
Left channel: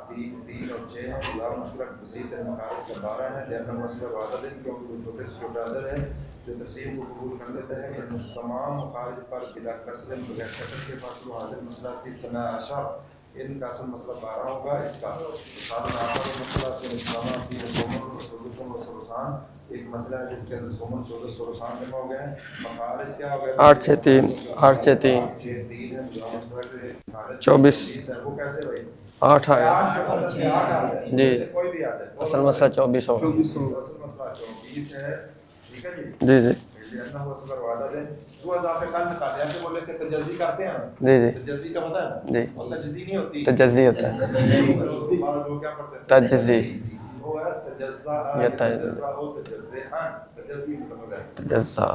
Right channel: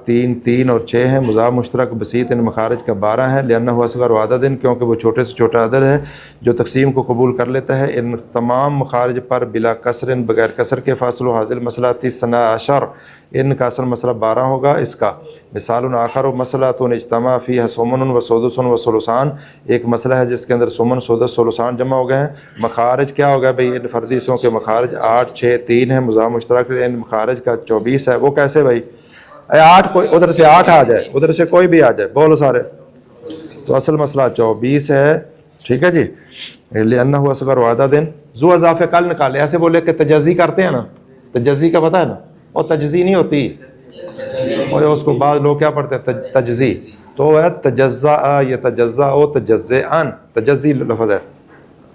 3 3 اور 6 ہیں، مضاف مشترک بسیط ان مخارج کا 12 ہے، لأنہ اصغر عدد، کیونکہ وہ چھوٹے سے چھوٹا عدد ہے جو تقسیم کو قبول کر لیتا ہے، ان تمام مخارج پر بلا کسر بغیر کسر کے، فاصل حاصل مسئلہ 13 ان کا اصل مسئلہ 12 ہوگا، اس کا مثال آخر مسئلہ تو اجتماع فیہ سمن و سدس و ثلثان، ایک مسئلہ ہے جس کے اندر سمن سدس ثلثان جمع ہو گئے ہیں، مخارج کیا ہو گیا بھائی؟ ان فردی حصوں کے مخارج 8 6 3 ہیں، مضاف مشترک ان مخارج کا 24 ہے، وہ کیسے بھائی؟ 8 کوئی ادھر سے 8 آ جائے، ادھر سے کوئی بھی آ جائے، بولو سارے، 24 ہو، تو اصل مسئلہ 24 ہے، ٹھیک ہے جی، جی جی لأنہ اصغر عدد ذو اضافہ کل نکالے، ایسے بولے کہ تجزی کرتے ہیں نا، جی جی تجزی کا پتہ ہے نا، جی، اور تجزی نہیں ہوتی، تجزی ہوتا ہے، اور اس کو بعض لوگ کیا پڑھتے ہیں؟ تجزی، تو ہے تجزا یا تجزا او تجزئن، تجزی لفظ ہے، تجزا،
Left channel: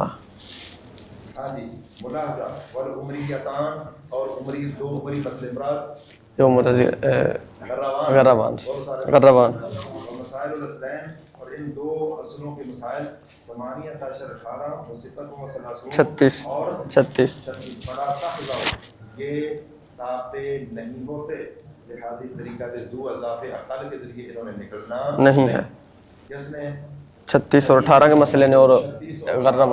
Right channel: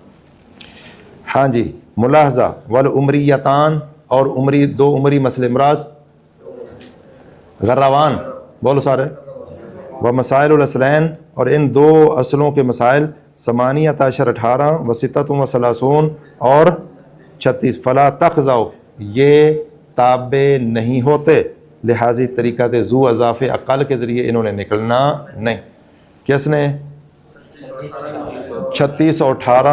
ہاں جی، ملاحظہ والعمریتان، اور عمری 2 عمری مسئلے مراد جو غروان، غروان، بولو سارے، غروان، و مسائل الاصلین، اور ان 2 اصلوں کے مسائل 18 18 و ستۃ و ثلاثون 36 اور 36 فلا تخضعوا، یہ تابع نہیں ہوتے، لہذا طریقہ ذو اضافہ اقل کے ذریعے انہوں نے نکلنا نہیں، کس نے؟ 36 اور 18 کے مسئلے نے، اور 36 اور 18